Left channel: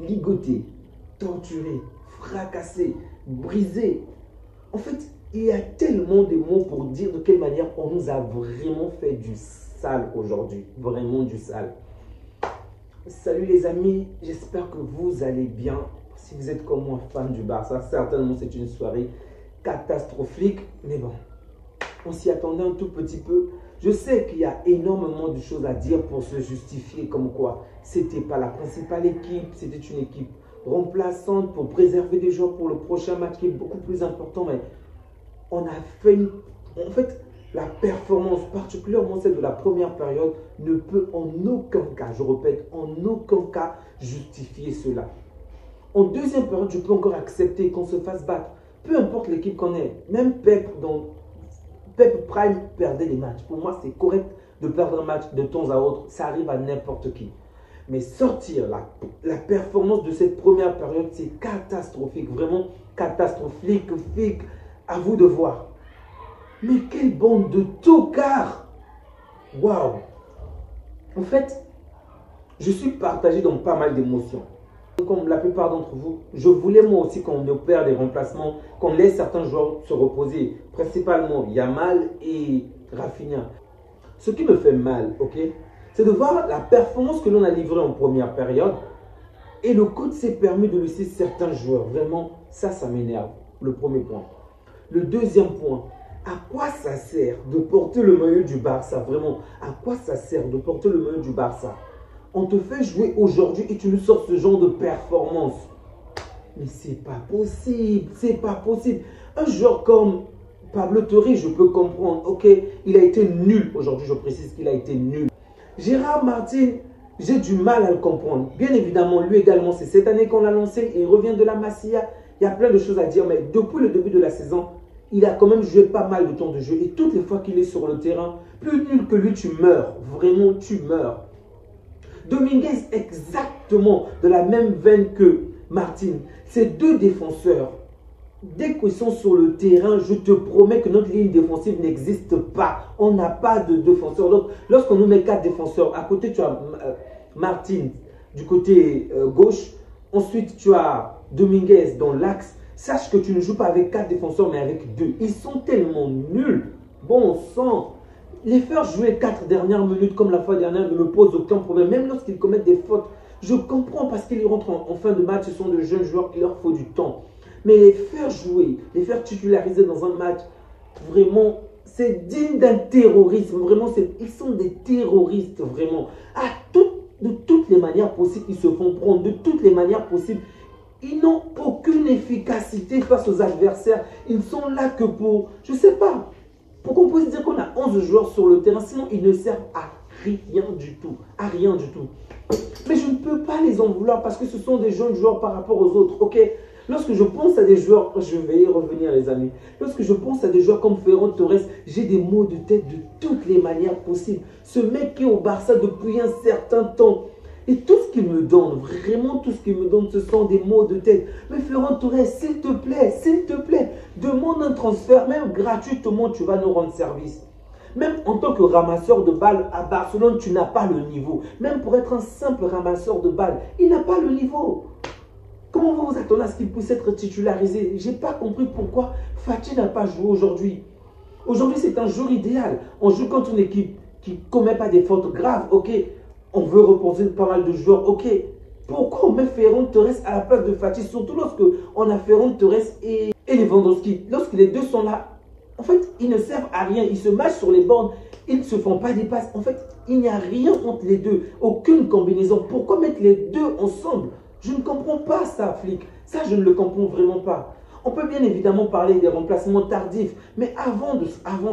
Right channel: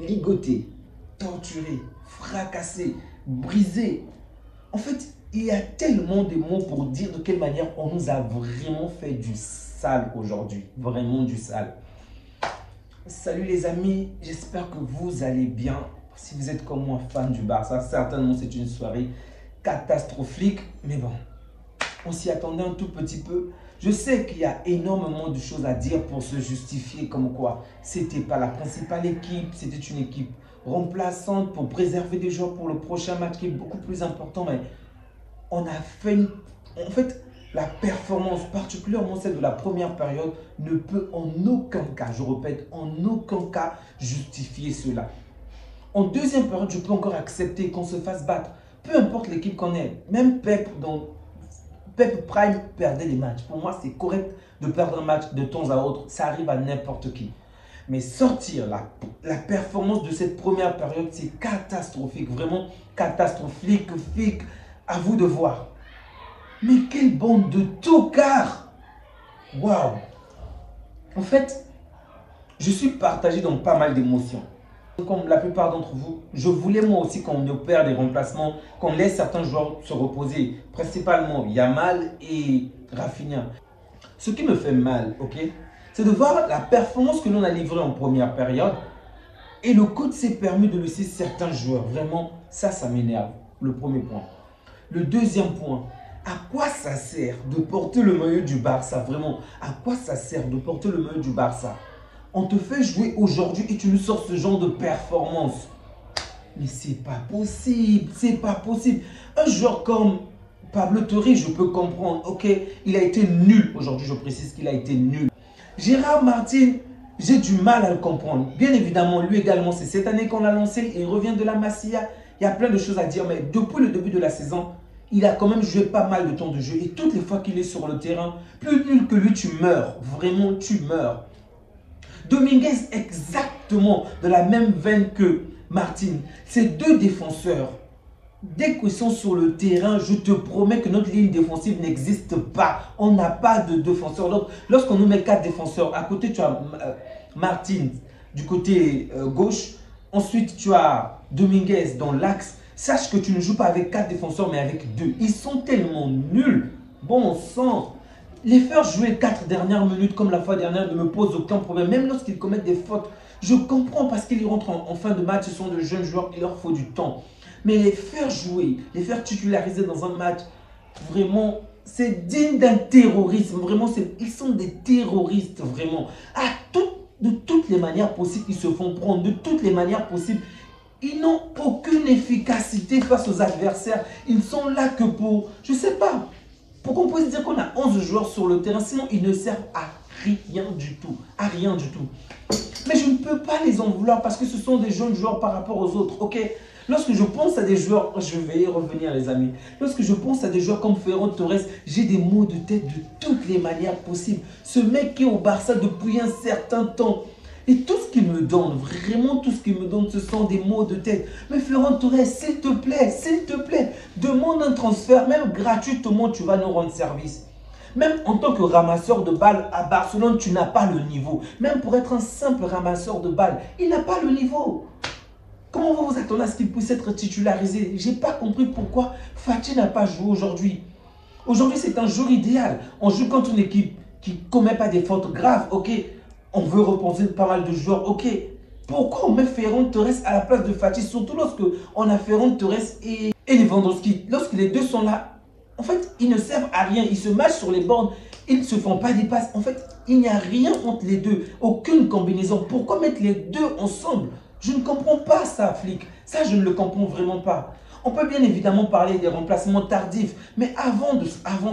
ligoté, torturé, fracassé, brisé. En fait, il y a tellement de mots pour dire de quelle manière on nous a vraiment fait du sale aujourd'hui. Vraiment du sale. Salut les amis, j'espère que vous allez bien. Si vous êtes comme moi fan du Barça, certainement c'est une soirée catastrophique. Mais bon, on s'y attendait un tout petit peu. Je sais qu'il y a énormément de choses à dire pour se justifier comme quoi c'était pas la principale équipe, c'était une équipe remplaçante pour préserver des joueurs pour le prochain match qui est beaucoup plus important. Mais on a fait en fait, la performance, particulièrement celle de la première période, ne peut en aucun cas, je répète, en aucun cas justifier cela. En deuxième période, je peux encore accepter qu'on se fasse battre. Peu importe l'équipe qu'on est, même Pep Prime perdait des matchs. Pour moi, c'est correct de perdre un match de temps à autre. Ça arrive à n'importe qui. Mais sortir la performance de cette première période, c'est catastrophique. Vraiment catastrophique. À vous de voir. Mais quelle bande de tocards! Waouh! En fait, je suis partagé dans pas mal d'émotions. Comme la plupart d'entre vous, je voulais moi aussi qu'on opère des remplacements, qu'on laisse certains joueurs se reposer, principalement Yamal et Rafinha. Ce qui me fait mal, ok, c'est de voir la performance que l'on a livrée en première période et le coach s'est permis de laisser certains joueurs. Vraiment, ça m'énerve. Le premier point. Le deuxième point, à quoi ça sert de porter le maillot du Barça? Vraiment, à quoi ça sert de porter le maillot du Barça? On te fait jouer aujourd'hui et tu nous sors ce genre de performance. Mais c'est pas possible, c'est pas possible. Un joueur comme Pablo Torre, je peux comprendre. Ok, il a été nul aujourd'hui, je précise qu'il a été nul. Gérard Martin, j'ai du mal à le comprendre. Bien évidemment, lui également, c'est cette année qu'on l'a lancé. Il revient de la Masia. Il y a plein de choses à dire, mais depuis le début de la saison, il a quand même joué pas mal de temps de jeu. Et toutes les fois qu'il est sur le terrain, plus nul que lui, tu meurs. Vraiment, tu meurs. Dominguez, exactement de la même veine que Martin. Ces deux défenseurs, dès qu'ils sont sur le terrain, je te promets que notre ligne défensive n'existe pas. On n'a pas de défenseur. Donc, lorsqu'on nous met 4 défenseurs, à côté, tu as Martin du côté gauche. Ensuite, tu as Dominguez dans l'axe. Sache que tu ne joues pas avec 4 défenseurs, mais avec 2. Ils sont tellement nuls. Bon sang. Les faire jouer 4 dernières minutes comme la fois dernière ne me pose aucun problème. Même lorsqu'ils commettent des fautes, je comprends parce qu'ils rentrent en fin de match. Ce sont de jeunes joueurs, il leur faut du temps. Mais les faire jouer, les faire titulariser dans un match, vraiment, c'est digne d'un terrorisme. Vraiment, ils sont des terroristes, vraiment. De toutes les manières possibles, ils se font prendre. De toutes les manières possibles, ils n'ont aucune efficacité face aux adversaires. Ils ne sont là que pour, je ne sais pas, pour qu'on puisse dire qu'on a 11 joueurs sur le terrain, sinon ils ne servent à rien du tout. À rien du tout. Mais je ne peux pas les en vouloir parce que ce sont des jeunes joueurs par rapport aux autres. Ok, lorsque je pense à des joueurs, je vais y revenir les amis. Lorsque je pense à des joueurs comme Ferran Torres, j'ai des maux de tête de toutes les manières possibles. Ce mec qui est au Barça depuis un certain temps. Et tout ce qu'il me donne, vraiment tout ce qu'il me donne, ce sont des maux de tête. Mais Ferran Torres, s'il te plaît, demande un transfert, même gratuitement, tu vas nous rendre service. Même en tant que ramasseur de balles à Barcelone, tu n'as pas le niveau. Même pour être un simple ramasseur de balles, il n'a pas le niveau. Comment vous vous attendez à ce qu'il puisse être titularisé? Je n'ai pas compris pourquoi Fati n'a pas joué aujourd'hui. Aujourd'hui, c'est un jour idéal. On joue contre une équipe qui ne commet pas des fautes graves, ok. On veut reposer pas mal de joueurs, ok. Pourquoi on met Ferran Torres à la place de Fati? Surtout lorsque on a Ferran Torres et Lewandowski. Lorsque les deux sont là, en fait, ils ne servent à rien. Ils se matchent sur les bornes. Ils ne se font pas des passes. En fait, il n'y a rien entre les deux. Aucune combinaison. Pourquoi mettre les deux ensemble? Je ne comprends pas ça, flic. Ça, je ne le comprends vraiment pas. On peut bien évidemment parler des remplacements tardifs. Mais avant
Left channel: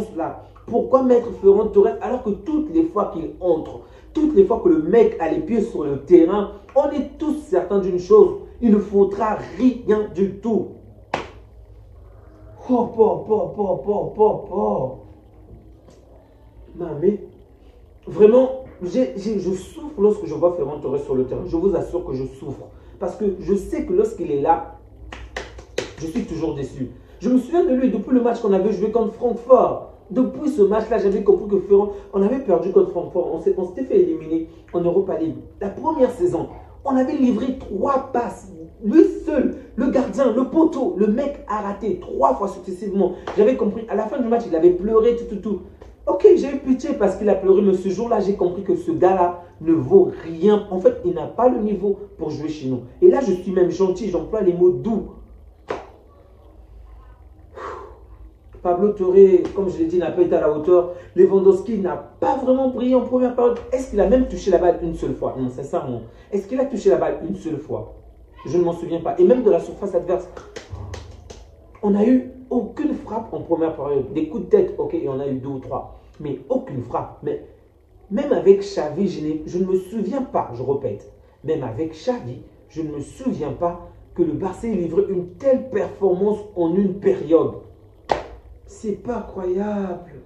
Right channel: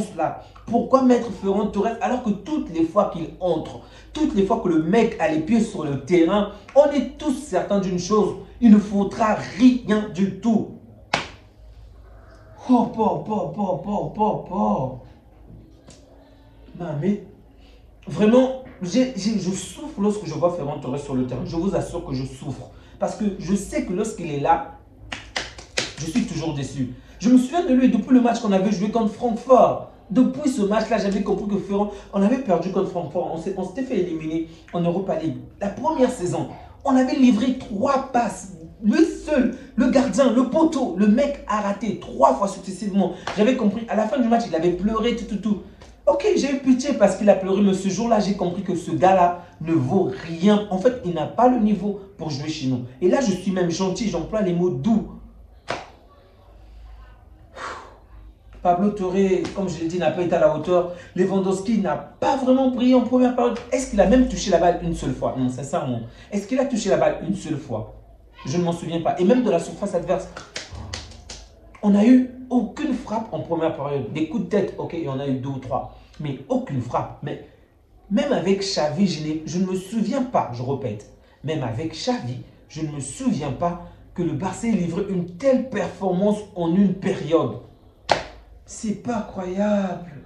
cela, pourquoi mettre Ferran Torres alors que toutes les fois qu'il entre, toutes les fois que le mec a les pieds sur le terrain, on est tous certains d'une chose, il ne faudra rien du tout. Oh, non, mais vraiment, je souffre lorsque je vois Ferran Torres sur le terrain. Je vous assure que je souffre. Parce que je sais que lorsqu'il est là, je suis toujours déçu. Je me souviens de lui depuis le match qu'on avait joué contre Francfort. Depuis ce match-là, j'avais compris que Ferran, on avait perdu contre Francfort. On s'était fait éliminer en Europa League. La première saison, On avait livré 3 passes. Le seul, le gardien, le poteau, le mec a raté 3 fois successivement. J'avais compris. À la fin du match, il avait pleuré, tout. Ok, j'ai eu pitié parce qu'il a pleuré, mais ce jour-là, j'ai compris que ce gars-là ne vaut rien. En fait, il n'a pas le niveau pour jouer chez nous. Et là, je suis même gentil, j'emploie les mots doux. Pablo Touré, comme je l'ai dit, n'a pas été à la hauteur. Lewandowski n'a pas vraiment brillé en première période. Est-ce qu'il a même touché la balle une seule fois? Non, sincèrement. Est-ce qu'il a touché la balle une seule fois? Je ne m'en souviens pas. Et même de la surface adverse, on n'a eu aucune frappe en première période. Des coups de tête, ok, il y en a eu 2 ou 3. Mais aucune frappe. Mais même avec Xavi, je ne me souviens pas, je répète. Même avec Xavi, je ne me souviens pas que le Barça ait livré une telle performance en une période. C'est pas croyable.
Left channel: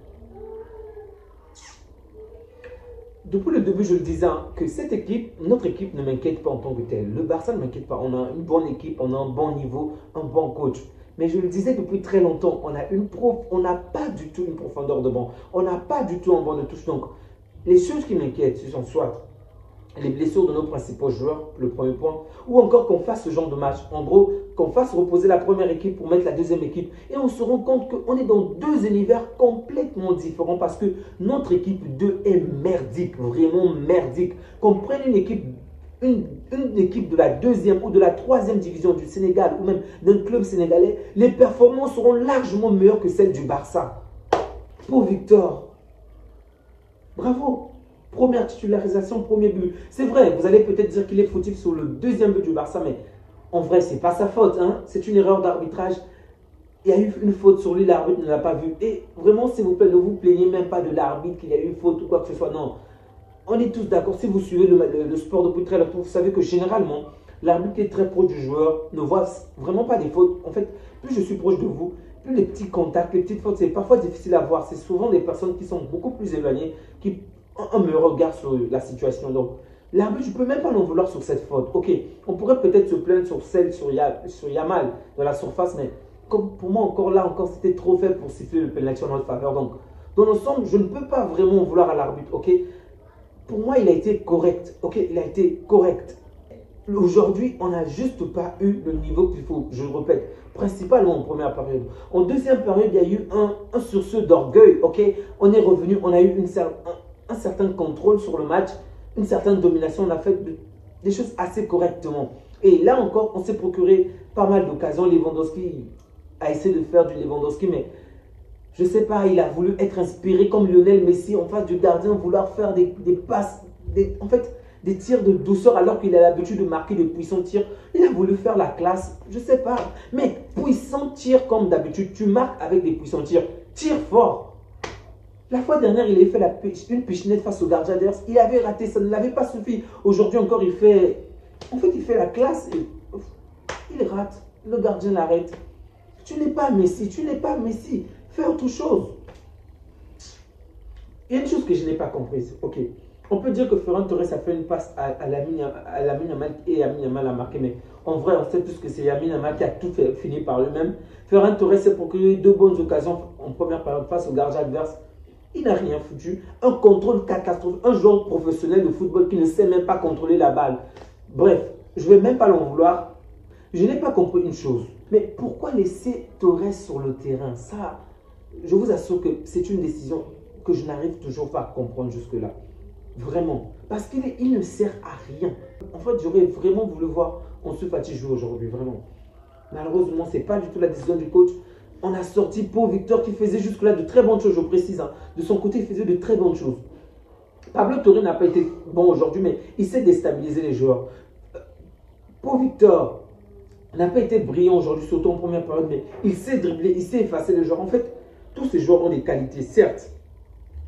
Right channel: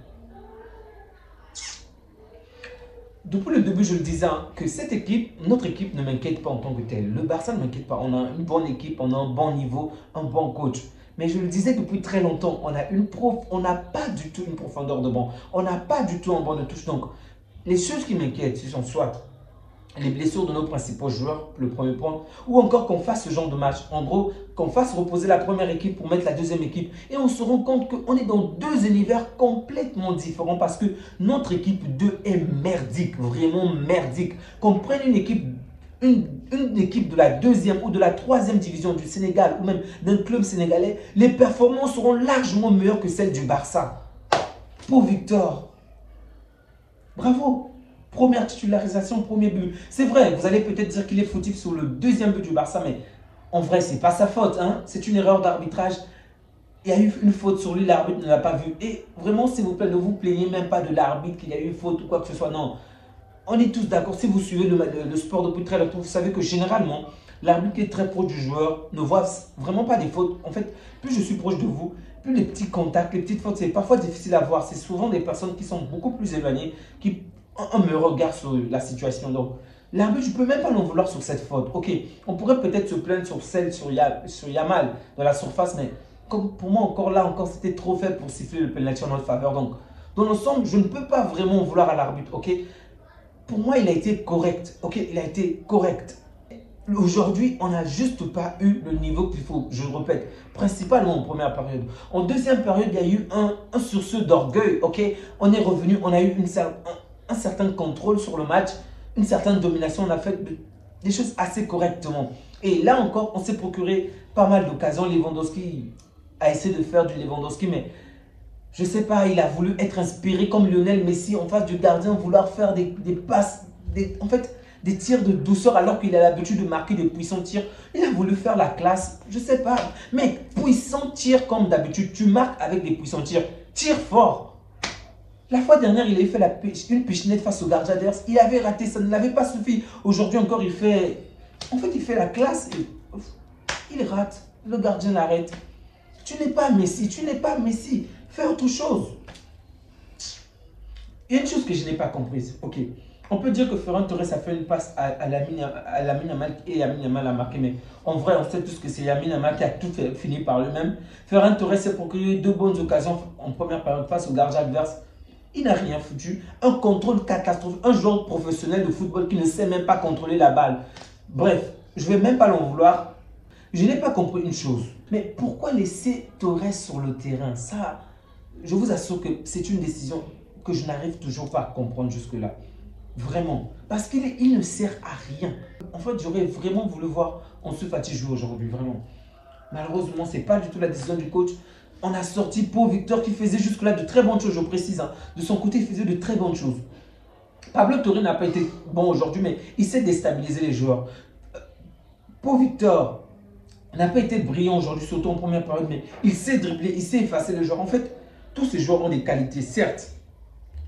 Depuis le début, je le disais, que cette équipe, notre équipe ne m'inquiète pas en tant que telle. Le Barça ne m'inquiète pas. On a une bonne équipe, on a un bon niveau, un bon coach. Mais je le disais depuis très longtemps, on n'a pas du tout une profondeur de banc. On n'a pas du tout un banc de touche. Donc, les choses qui m'inquiètent, ce sont soit les blessures de nos principaux joueurs, le premier point, ou encore qu'on fasse ce genre de match. En gros, qu'on fasse reposer la première équipe pour mettre la deuxième équipe. Et on se rend compte qu'on est dans 2 univers complètement différents parce que notre équipe 2 est merdique, vraiment merdique. Qu'on prenne une équipe de la 2e ou de la 3e division du Sénégal ou même d'un club sénégalais, les performances seront largement meilleures que celles du Barça. Pour Victor, bravo! Première titularisation, premier but. C'est vrai, vous allez peut-être dire qu'il est fautif sur le 2e but du Barça, mais en vrai, ce n'est pas sa faute. Hein? C'est une erreur d'arbitrage. Il y a eu une faute sur lui, l'arbitre ne l'a pas vu. Et vraiment, s'il vous plaît, ne vous plaignez même pas de l'arbitre qu'il y a eu une faute ou quoi que ce soit. Non, on est tous d'accord. Si vous suivez le sport depuis très longtemps, vous savez que généralement, l'arbitre qui est très proche du joueur ne voit vraiment pas des fautes. En fait, plus je suis proche de vous, plus les petits contacts, les petites fautes, c'est parfois difficile à voir. C'est souvent des personnes qui sont beaucoup plus éloignées, qui ont un regard sur la situation. Donc, l'arbitre, je ne peux même pas l'en vouloir sur cette faute. Ok, on pourrait peut-être se plaindre sur celle sur Yamal dans la surface, mais comme pour moi, encore, c'était trop faible pour siffler le penalty en notre faveur. Donc, dans l'ensemble, je ne peux pas vraiment en vouloir à l'arbitre. Ok, pour moi, il a été correct. Ok, il a été correct. Aujourd'hui, on n'a juste pas eu le niveau qu'il faut. Je le répète, principalement en première période. En deuxième période, il y a eu un sursaut d'orgueil. Ok, on est revenu, on a eu un certain contrôle sur le match, une certaine domination. On a fait des choses assez correctement. Et là encore, on s'est procuré pas mal d'occasions. Lewandowski a essayé de faire du Lewandowski, mais je ne sais pas, il a voulu être inspiré comme Lionel Messi en face du gardien, vouloir faire des passes, en fait, des tirs de douceur alors qu'il a l'habitude de marquer des puissants tirs. Il a voulu faire la classe, je ne sais pas. Mais puissant tir comme d'habitude, tu marques avec des puissants tirs. Tire fort. La fois dernière, il avait fait une pichenette face au gardien adverse. Il avait raté, ça ne l'avait pas suffi. Aujourd'hui encore, il fait la classe et il rate. Le gardien l'arrête. Tu n'es pas Messi, tu n'es pas Messi. Fais autre chose. Il y a une chose que je n'ai pas comprise. Ok, on peut dire que Ferran Torres a fait une passe à Lamine Yamal et Lamine Yamal a marqué. Mais en vrai, on sait tous que c'est Lamine Yamal qui a tout fini par lui-même. Ferran Torres s'est procuré 2 bonnes occasions en première période face au gardien adverse. Il n'a rien foutu. Un contrôle catastrophique. Un joueur professionnel de football qui ne sait même pas contrôler la balle. Bref, je ne vais même pas l'en vouloir. Je n'ai pas compris une chose. Mais pourquoi laisser Torres sur le terrain? Ça, je vous assure que c'est une décision que je n'arrive toujours pas à comprendre jusque-là. Vraiment. Parce qu'il ne sert à rien. En fait, j'aurais vraiment voulu voir Ansu Fati jouer aujourd'hui. Vraiment. Malheureusement, ce n'est pas du tout la décision du coach. On a sorti Paul Victor qui faisait jusque-là de très bonnes choses, je précise. Hein. De son côté, il faisait de très bonnes choses. Pablo Torre n'a pas été bon aujourd'hui, mais il sait déstabiliser les joueurs. Paul Victor n'a pas été brillant aujourd'hui, surtout en première période, mais il sait dribbler, il sait effacer les joueurs. En fait, tous ces joueurs ont des qualités, certes.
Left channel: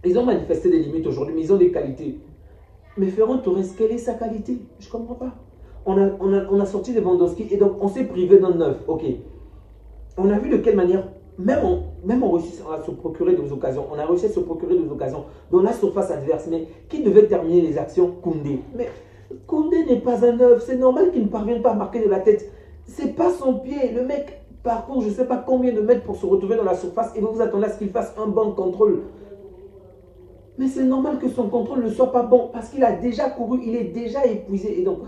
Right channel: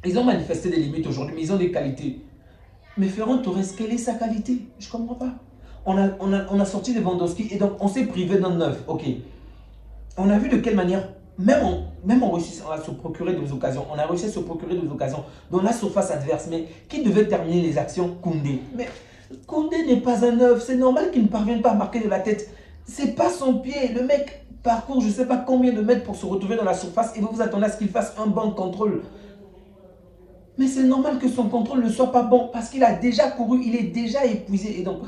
Ils ont manifesté des limites aujourd'hui, mais ils ont des qualités. Mais Ferran Torres, quelle est sa qualité? Je ne comprends pas. On a sorti Lewandowski et donc on s'est privé d'un neuf. Ok. On a vu de quelle manière, même on réussit à se procurer des occasions. On a réussi à se procurer des occasions dans la surface adverse. Mais qui devait terminer les actions? Koundé. Mais Koundé n'est pas un neuf. C'est normal qu'il ne parvienne pas à marquer de la tête. C'est pas son pied. Le mec parcourt je ne sais pas combien de mètres pour se retrouver dans la surface et vous vous attendez à ce qu'il fasse un bon contrôle. Mais c'est normal que son contrôle ne soit pas bon parce qu'il a déjà couru, il est déjà épuisé. Et donc,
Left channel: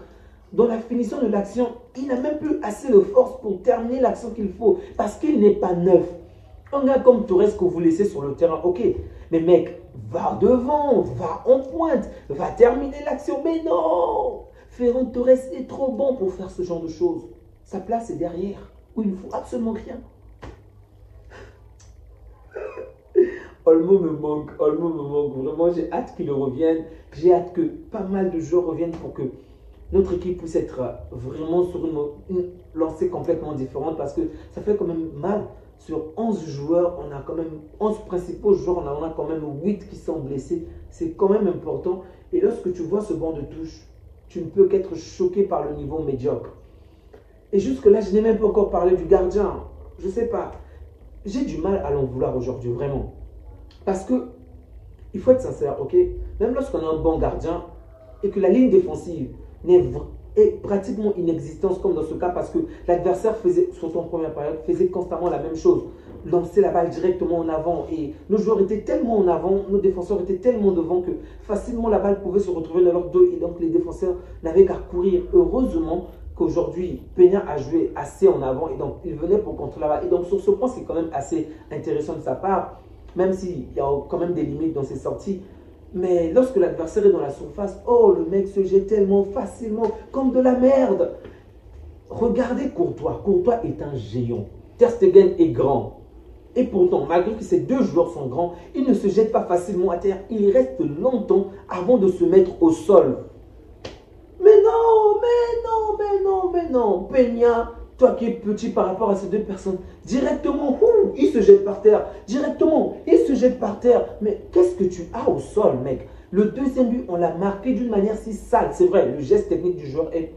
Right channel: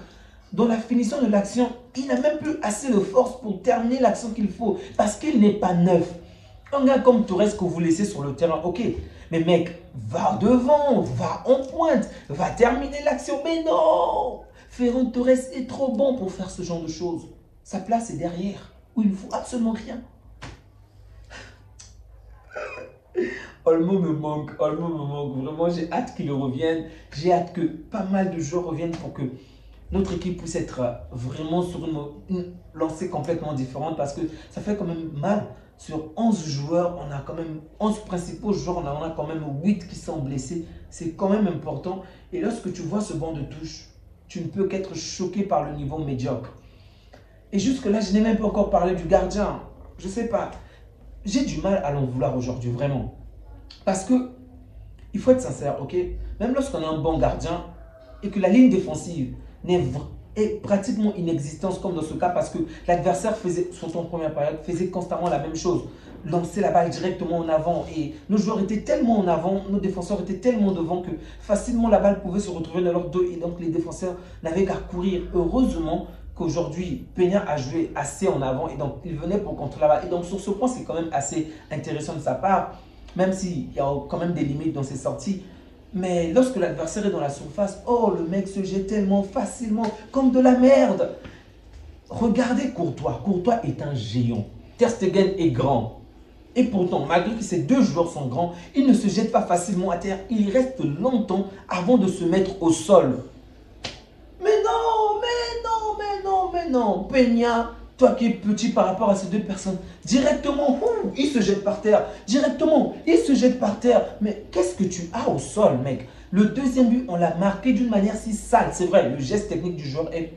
dans la finition de l'action, il n'a même plus assez de force pour terminer l'action qu'il faut parce qu'il n'est pas neuf. Un gars comme Torres que vous laissez sur le terrain, ok, mais mec, va devant, va en pointe, va terminer l'action. Mais non, Ferran Torres est trop bon pour faire ce genre de choses. Sa place est derrière, où il ne faut absolument rien. Olmo me manque, Vraiment, j'ai hâte qu'il revienne. J'ai hâte que pas mal de joueurs reviennent pour que notre équipe puisse être vraiment sur une lancée complètement différente parce que ça fait quand même mal. Sur 11 joueurs, on a quand même 11 principaux joueurs, on a quand même 8 qui sont blessés. C'est quand même important. Et lorsque tu vois ce banc de touche, tu ne peux qu'être choqué par le niveau médiocre. Et jusque-là, je n'ai même pas encore parlé du gardien. Je ne sais pas. J'ai du mal à l'en vouloir aujourd'hui, vraiment. Parce que, il faut être sincère, ok? Même lorsqu'on a un bon gardien et que la ligne défensive est pratiquement inexistante comme dans ce cas parce que l'adversaire faisait, sur son première période, faisait constamment la même chose. Lancer la balle directement en avant et nos joueurs étaient tellement en avant, nos défenseurs étaient tellement devant que facilement la balle pouvait se retrouver dans leur dos et donc les défenseurs n'avaient qu'à courir. Heureusement qu'aujourd'hui, Peña a joué assez en avant et donc il venait pour contrôler la balle. Et donc sur ce point, c'est quand même assez intéressant de sa part, même s'il y a quand même des limites dans ses sorties. Mais lorsque l'adversaire est dans la surface, oh, le mec se jette tellement facilement, comme de la merde. Regardez Courtois. Courtois est un géant. Ter Stegen est grand. Et pourtant, malgré que ces deux joueurs sont grands, il ne se jette pas facilement à terre. Il reste longtemps avant de se mettre au sol. Mais non, mais non, mais non, mais non. Peña, toi qui es petit par rapport à ces deux personnes, directement, il se jette par terre. Directement, il se jette par terre. Mais qu'est-ce que tu as au sol, mec? Le deuxième but, on l'a marqué d'une manière si sale. C'est vrai, le geste technique du joueur est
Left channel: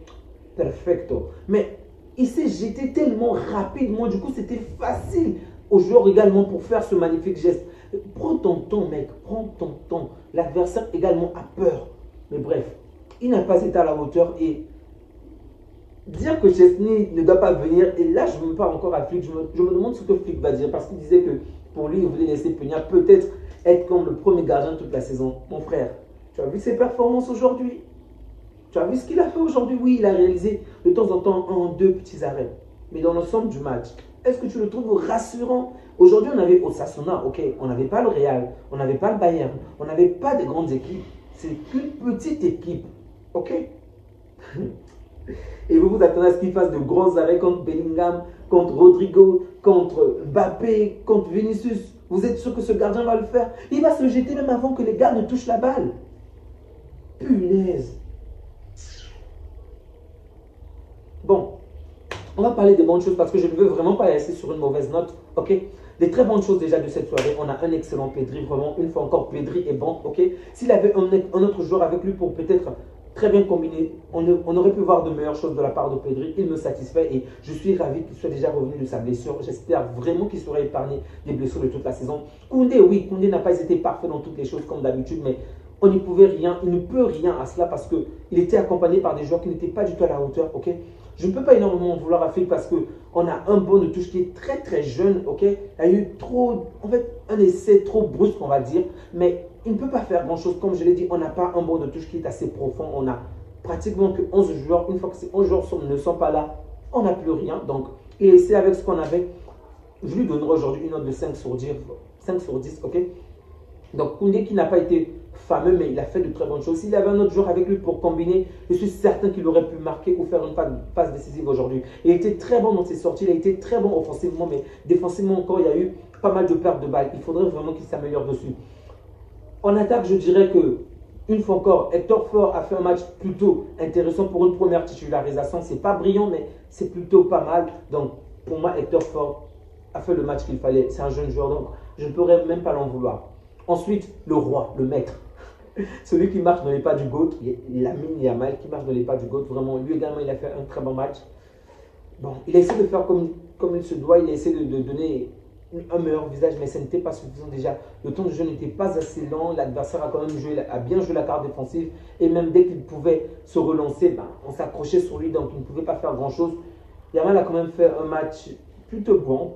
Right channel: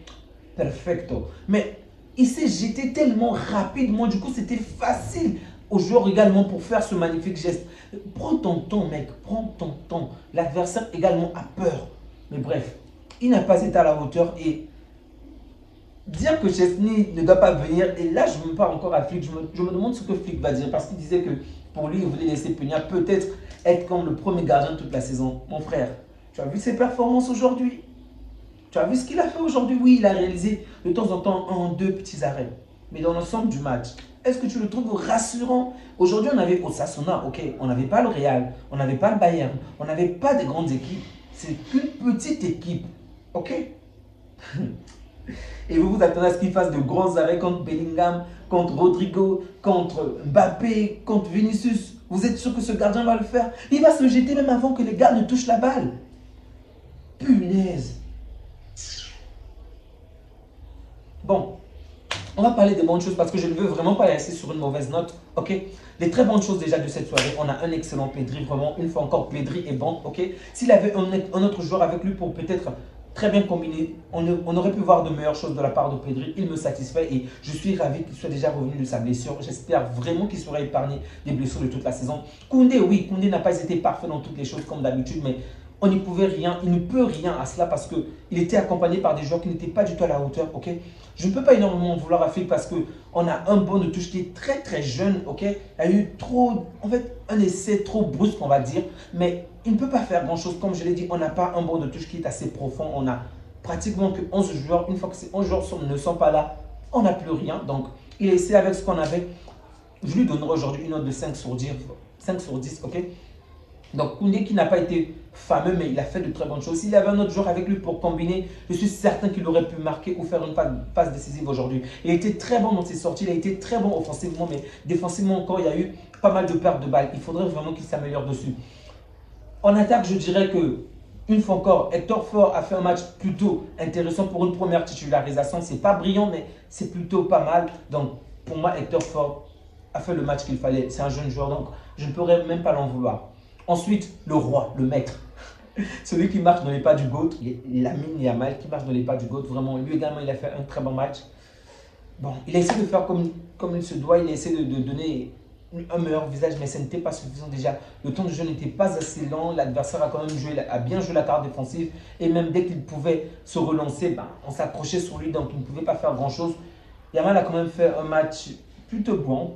perfecto. Mais il s'est jeté tellement rapidement. Du coup, c'était facile au joueur également pour faire ce magnifique geste. Prends ton temps, mec. Prends ton temps. L'adversaire également a peur. Mais bref, il n'a pas été à la hauteur et dire que Chesney ne doit pas venir, et là je me parle encore à Flick, je me demande ce que Flick va dire, parce qu'il disait que pour lui, il voulait laisser Peña peut-être être comme le premier gardien de toute la saison. Mon frère, tu as vu ses performances aujourd'hui? Tu as vu ce qu'il a fait aujourd'hui? Oui, il a réalisé de temps en temps un, deux petits arrêts. Mais dans l'ensemble du match, est-ce que tu le trouves rassurant? Aujourd'hui, on avait Osasuna, ok, on n'avait pas le Real, on n'avait pas le Bayern, on n'avait pas de grandes équipes. C'est qu'une petite équipe, ok? Et vous vous attendez à ce qu'il fasse de grands arrêts contre Bellingham, contre Rodrigo, contre Mbappé, contre Vinicius. Vous êtes sûr que ce gardien va le faire? Il va se jeter même avant que les gars ne touchent la balle. Punaise. Bon, on va parler des bonnes choses parce que je ne veux vraiment pas laisser sur une mauvaise note. Ok? Les très bonnes choses déjà de cette soirée. On a un excellent Pedri, vraiment. Une fois encore, Pedri est bon. Ok? S'il avait un autre joueur avec lui pour peut-être très bien combiné, on aurait pu voir de meilleures choses de la part de Pedri. Il me satisfait et je suis ravi qu'il soit déjà revenu de sa blessure. J'espère vraiment qu'il sera épargné des blessures de toute la saison. Koundé, oui, Koundé n'a pas été parfait dans toutes les choses comme d'habitude, mais on n'y pouvait rien, il ne peut rien à cela parce qu'il était accompagné par des joueurs qui n'étaient pas du tout à la hauteur, ok? Je ne peux pas énormément vouloir à Flick parce qu'on a un bon de touche qui est très très jeune, ok? Il a eu trop, en fait, un essai trop brusque, on va dire, mais il ne peut pas faire grand chose. Comme je l'ai dit, on n'a pas un bon de touche qui est assez profond. On a pratiquement que 11 joueurs. Une fois que ces 11 joueurs ne sont pas là, on n'a plus rien. Donc, il a essayé avec ce qu'on avait. Je lui donnerai aujourd'hui une note de 5 sur 10, ok? Donc, Koundé qui n'a pas été fameux, mais il a fait de très bonnes choses. S'il y avait un autre joueur avec lui pour combiner, je suis certain qu'il aurait pu marquer ou faire une passe décisive aujourd'hui. Il a été très bon dans ses sorties, il a été très bon offensivement, mais défensivement encore, il y a eu pas mal de pertes de balles. Il faudrait vraiment qu'il s'améliore dessus. En attaque, je dirais que, une fois encore, Hector Ford a fait un match plutôt intéressant pour une première titularisation. Ce n'est pas brillant, mais c'est plutôt pas mal. Donc, pour moi, Hector Ford a fait le match qu'il fallait. C'est un jeune joueur, donc je ne pourrais même pas l'en vouloir. Ensuite, le roi, le maître. Celui qui marche dans les pas du GOAT, Lamine Yamal qui marche dans les pas du GOAT. Vraiment, lui également, il a fait un très bon match. Bon, il a essayé de faire comme il se doit. Il a essayé de donner un meilleur visage, mais ce n'était pas suffisant déjà. Le temps de jeu n'était pas assez lent. L'adversaire a quand même bien joué la carte défensive. Et même dès qu'il pouvait se relancer, on s'accrochait sur lui, donc il ne pouvait pas faire grand-chose. Yamal a quand même fait un match plutôt bon.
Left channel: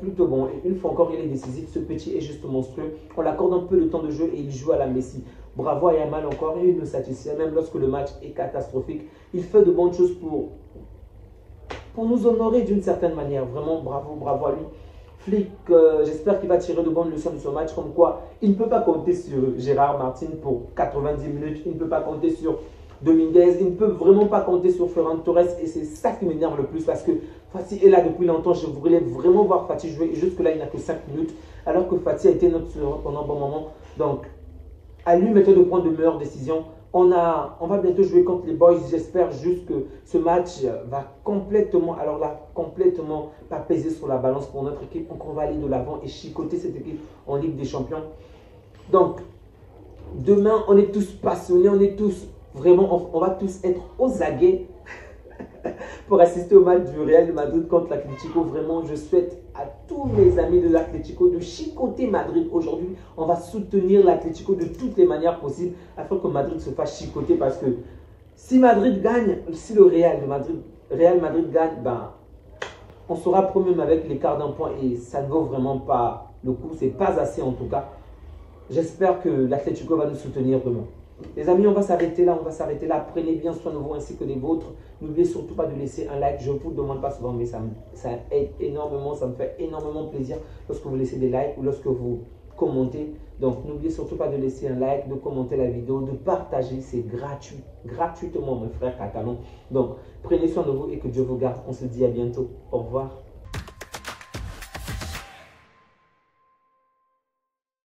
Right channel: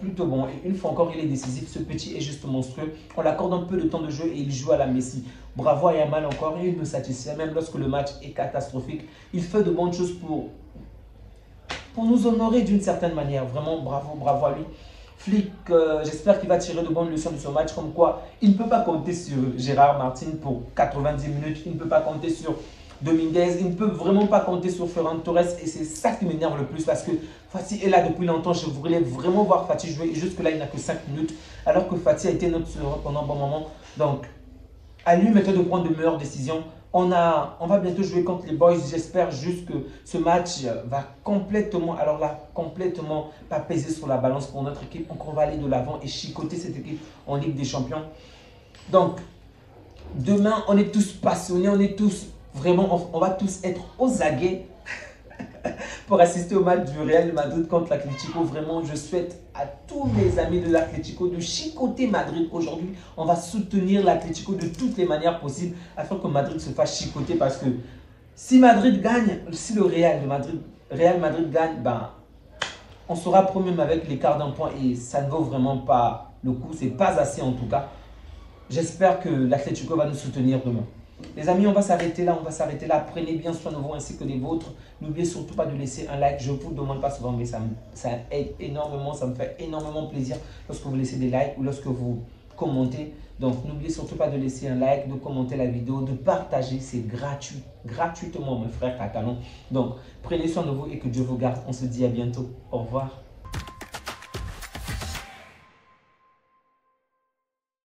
Et une fois encore, il est décisif. Ce petit est juste monstrueux. On l'accorde un peu de temps de jeu et il joue à la Messi. Bravo à Yamal encore, il me satisfait même lorsque le match est catastrophique. Il fait de bonnes choses pour nous honorer d'une certaine manière. Vraiment, bravo, bravo à lui. Flick, j'espère qu'il va tirer de bonnes leçons de ce match, comme quoi il ne peut pas compter sur Gérard Martin pour 90 minutes, il ne peut pas compter sur Dominguez, il ne peut vraiment pas compter sur Ferran Torres, et c'est ça qui m'énerve le plus parce que Fati est là depuis longtemps. Je voulais vraiment voir Fati jouer, et jusque-là il n'a que 5 minutes, alors que Fati a été notre sauveur pendant un bon moment. Donc, à lui maintenant de prendre de meilleures décisions. On va bientôt jouer contre les Boys. J'espère juste que ce match va complètement, alors là, complètement pas peser sur la balance pour notre équipe. Donc, on va aller de l'avant et chicoter cette équipe en Ligue des Champions. Donc, demain, on est tous passionnés, on est tous vraiment, on va tous être aux aguets pour assister au match du Real Madrid contre l'Atlético. Vraiment, je souhaite à tous mes amis de l'Atlético de chicoter Madrid aujourd'hui. On va soutenir l'Atlético de toutes les manières possibles afin que Madrid se fasse chicoter, parce que si Madrid gagne, si le Real Madrid gagne, ben, on sera premier avec l'écart d'un point et ça ne vaut vraiment pas le coup. C'est pas assez en tout cas. J'espère que l'Atlético va nous soutenir demain. Les amis, on va s'arrêter là, Prenez bien soin de vous ainsi que des vôtres. N'oubliez surtout pas de laisser un like. Je ne vous demande pas souvent, mais ça aide énormément, ça me fait énormément plaisir lorsque vous laissez des likes ou lorsque vous commentez. Donc, n'oubliez surtout pas de laisser un like, de commenter la vidéo, de partager. C'est gratuit, gratuitement, mes frères catalans. Donc, prenez soin de vous et que Dieu vous garde. On se dit à bientôt. Au revoir.